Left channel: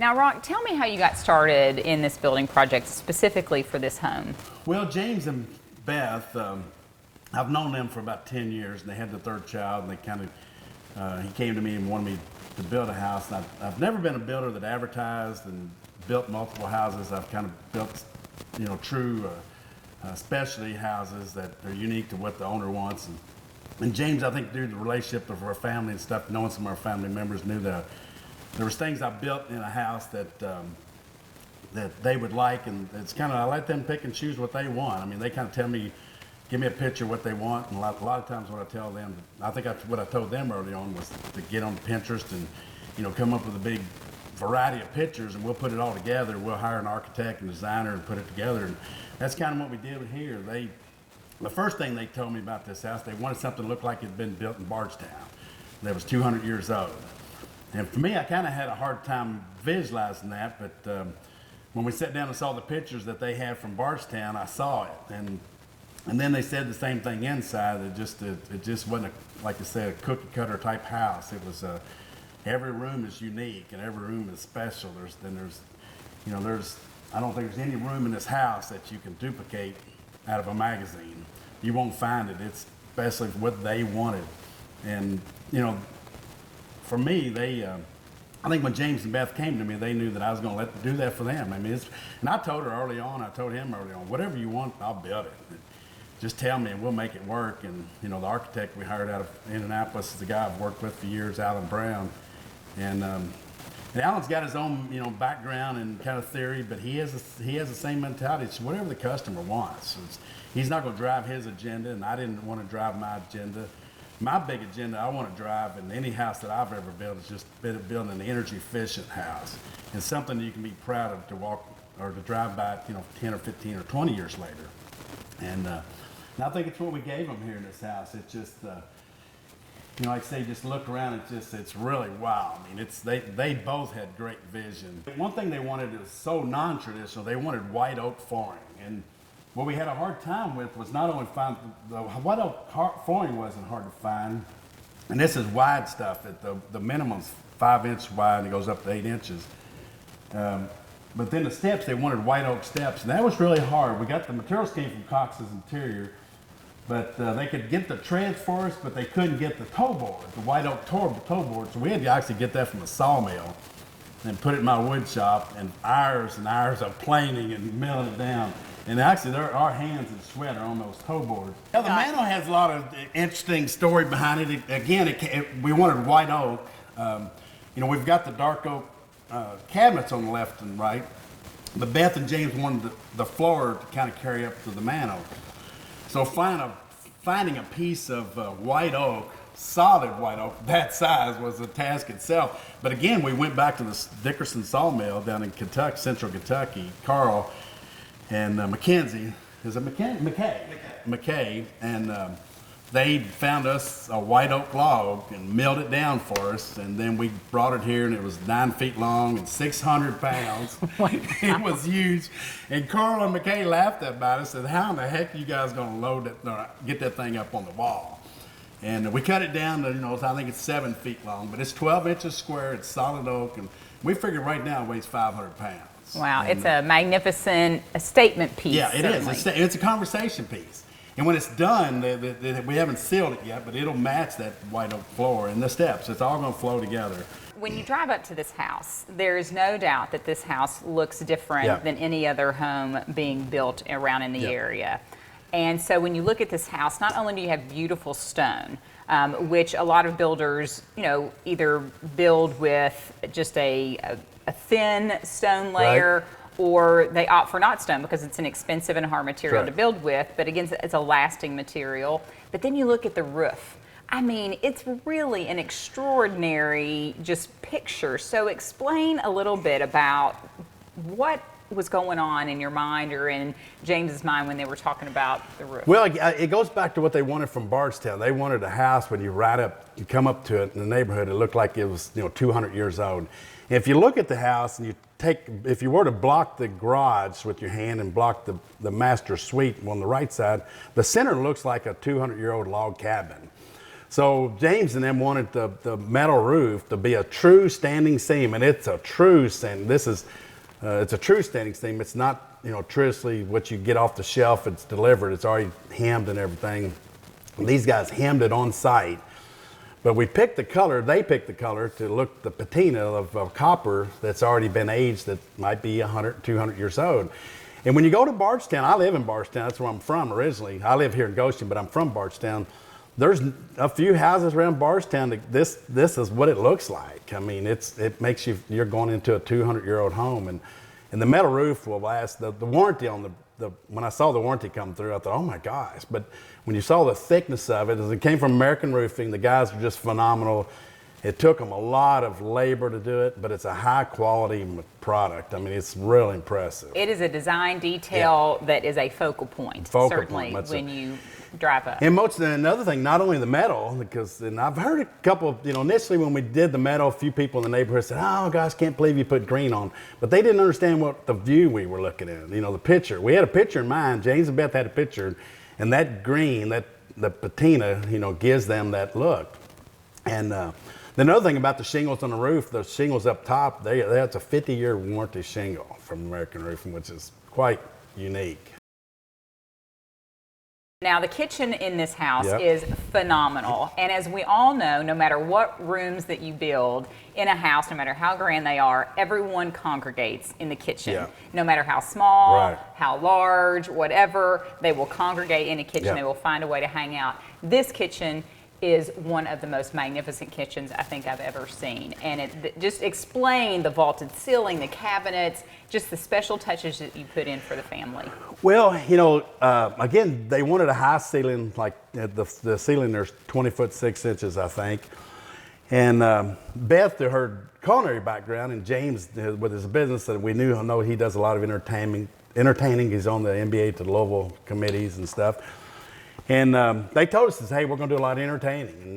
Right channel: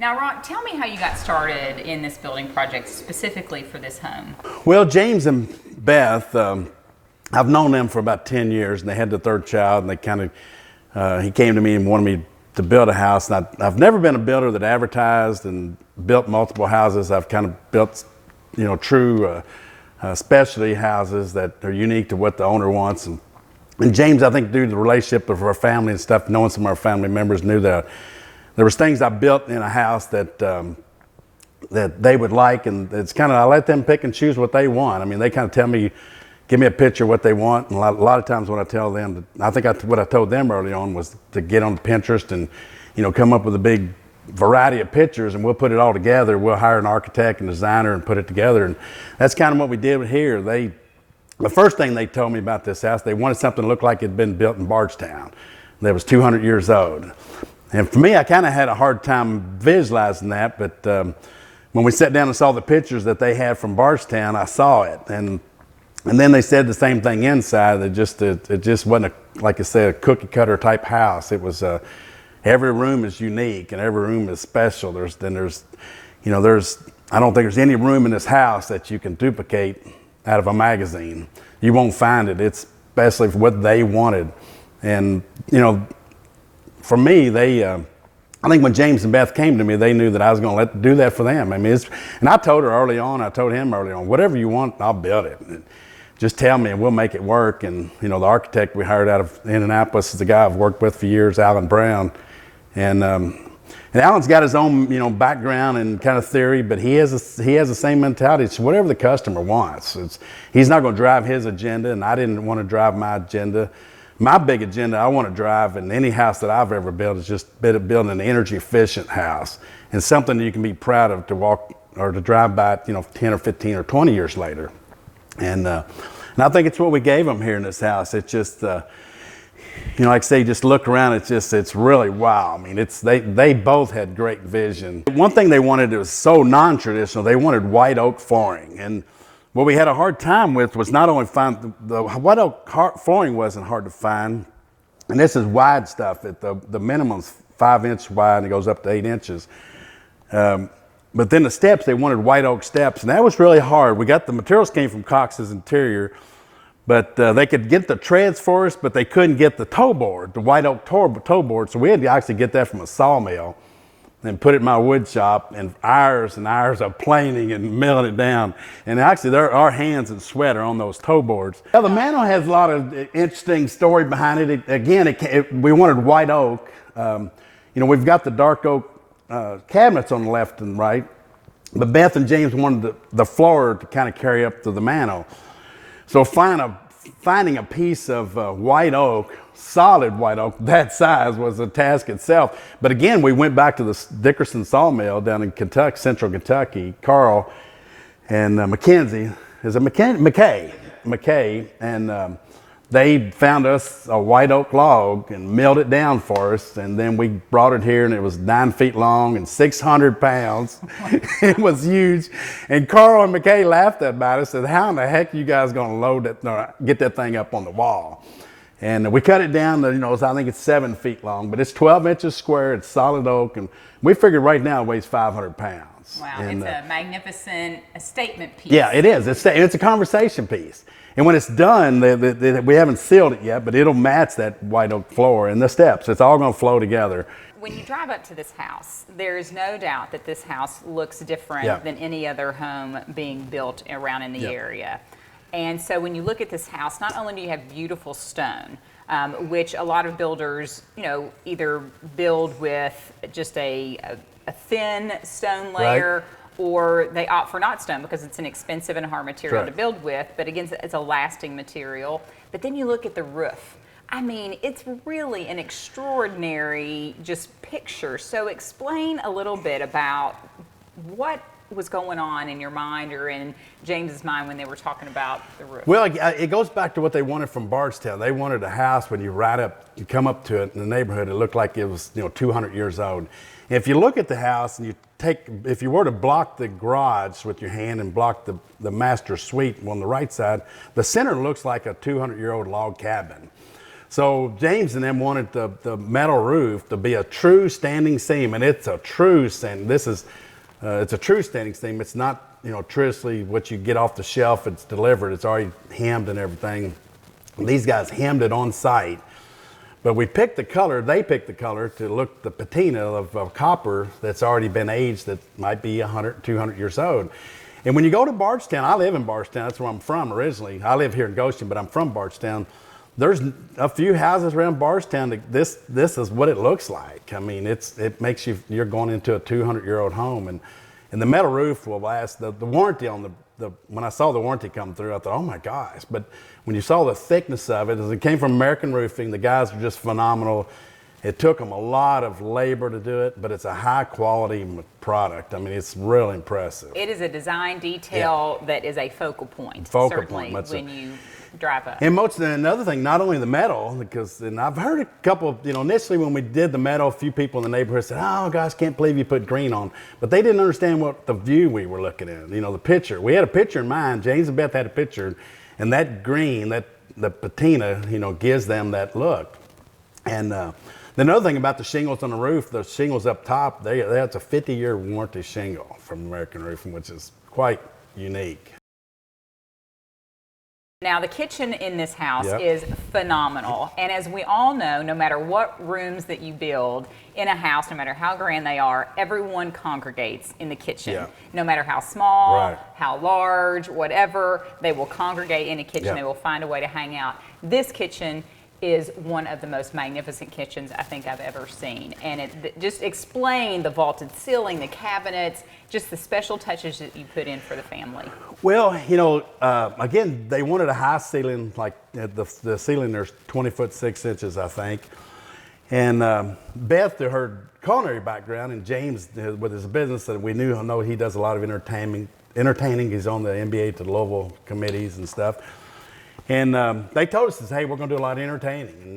Now, Ron, tell me how you got started in this building project specifically for this home. Well, James and Beth, I've known them for about 10 years, and they had the third child, and they he came to me and wanted me to build a house. And I've never been a builder that advertised and built multiple houses. I've kind of built, true specialty houses that are unique to what the owner wants. And James, I think, due to the relationship of our family and stuff, knowing some of our family members, knew that there was things I built in a house that that they would like, and it's kind of, I let them pick and choose what they want. I mean, they kind of tell me, give me a picture of what they want, and a lot of times when I tell them, what I told them early on was to get on Pinterest and, come up with a big variety of pictures, and we'll put it all together. We'll hire an architect and designer and put it together, and that's kind of what we did here. The first thing they told me about this house, they wanted something to look like it had been built in Bardstown that was 200 years old. And for me, I kind of had a hard time visualizing that, but when we sat down and saw the pictures that they had from Bardstown, I saw it. And then they said the same thing inside. It just wasn't, like I said, a cookie cutter type house. It was, every room is unique and every room is special. I don't think there's any room in this house that you can duplicate out of a magazine. You won't find it. It's especially for what they wanted. And, for me, I think when James and Beth came to me, they knew that I was going to do that for them. I mean, and I told him early on, whatever you want, I'll build it. Just tell me and we'll make it work. And, the architect we hired out of Indianapolis is the guy I've worked with for years, Alan Brown. And Alan's got his own, background and kind of theory, but he has the same mentality. It's whatever the customer wants. He's not going to drive his agenda, and I didn't want to drive my agenda. My big agenda I want to drive in any house that I've ever built is just building an energy efficient house, and something that you can be proud of to walk or to drive by, 10 or 15 or 20 years later. And I think it's what we gave them here in this house. It's just, like I say, just look around. It's really wow. I mean, they both had great vision. One thing they wanted that was so non-traditional. They wanted white oak flooring, and what we had a hard time with was not only find the white oak flooring wasn't hard to find, and this is wide stuff. The minimum's 5 inch wide and it goes up to 8 inches. But then the steps, they wanted white oak steps, and that was really hard. The materials came from Cox's Interior, but they could get the treads for us, but they couldn't get the toe board, the white oak toe board. So we had to actually get that from a sawmill and put it in my wood shop, and hours of planing and milling it down. And actually, our hands and sweat are on those toe boards. Well, the mantel has a lot of interesting story behind it. We wanted white oak. We've got the dark oak cabinets on the left and right, but Beth and James wanted the floor to kind of carry up to the mantel. So finding a piece of white oak, solid white oak that size, was a task itself. But again, we went back to the Dickerson sawmill down in Kentucky, central Kentucky, Carl and Mackenzie. Is it McKay? And they found us a white oak log and milled it down for us. And then we brought it here, and it was 9 feet long and 600 pounds. It was huge. And Carl and McKay laughed about it, said, how in the heck are you guys going to get that thing up on the wall? And we cut it down to, I think it's 7 feet long, but it's 12 inches square. It's solid oak. And we figured right now it weighs 500 pounds. Wow, and, it's a magnificent statement piece. Yeah, it is. It's a conversation piece. And when it's done, we haven't sealed it yet, but it'll match that white oak floor and the steps. It's all going to flow together. When you drive up to this house, there is no doubt that this house looks different than any other home being built around in the area. And so when you look at this house, not only do you have beautiful stone, which a lot of builders, either build with just a thin stone layer, or they opt for not stone because it's an expensive and hard material to build with, but again, it's a lasting material. But then you look at the roof. I mean, it's really an extraordinary just picture. So explain a little bit about what was going on in your mind or in James's mind when they were talking about the roof. Well, it goes back to what they wanted from Bardstown. They wanted a house when you come up to it in the neighborhood, it looked like it was 200 years old. If you look at the house and if you were to block the garage with your hand and block the master suite on the right side, the center looks like a 200-year-old log cabin. So James and them wanted the metal roof to be a true standing seam, and it's a true standing. It's a true standing seam. It's not, traditionally what you get off the shelf. It's delivered. It's already hemmed and everything. And these guys hemmed it on site. But we picked the color, they picked the color to look the patina of copper that's already been aged, that might be 100, 200 years old. And when you go to Bardstown, I live in Bardstown, that's where I'm from originally. I live here in Goshen, but I'm from Bardstown. There's a few houses around Bardstown that this is what it looks like. I mean, it makes you're going into a 200-year-old home. And the metal roof will last, the warranty on when I saw the warranty come through, I thought, oh my gosh. But when you saw the thickness of it, as it came from American Roofing, the guys are just phenomenal. It took them a lot of labor to do it, but it's a high quality product. I mean, it's really impressive. It is a design detail that is a focal point, certainly, when you drive up. And another thing, not only the metal, and I've heard a couple, initially when we did the metal, a few people in the neighborhood said, oh gosh, can't believe you put green on. But they didn't understand what the view we were looking at, the picture. We had a picture in mind, James and Beth had a picture, and that green, the patina, gives them that look. And the other thing about the shingles on the roof, the shingles up top, that's a 50-year warranty shingle from American Roofing, which is quite unique. Now, the kitchen in this house is phenomenal. And as we all know, no matter what rooms that you build in a house, no matter how grand they are, everyone congregates in the kitchen. Yeah. No matter how small, how large, whatever, they will congregate in a kitchen. They will find a way to hang out. This kitchen is one of the most magnificent kitchens I think I've ever seen. And just explain the vaulted ceiling, the cabinets, just the special touches that you put in for the family. Well, again, they wanted a high ceiling, like the ceiling there's 20 foot 6 inches, I think. And Beth, to her culinary background, and James with his business that we know he does a lot of entertaining. He's on the NBA to Louisville committees and stuff. And they told us, hey, we're going to do a lot of entertaining.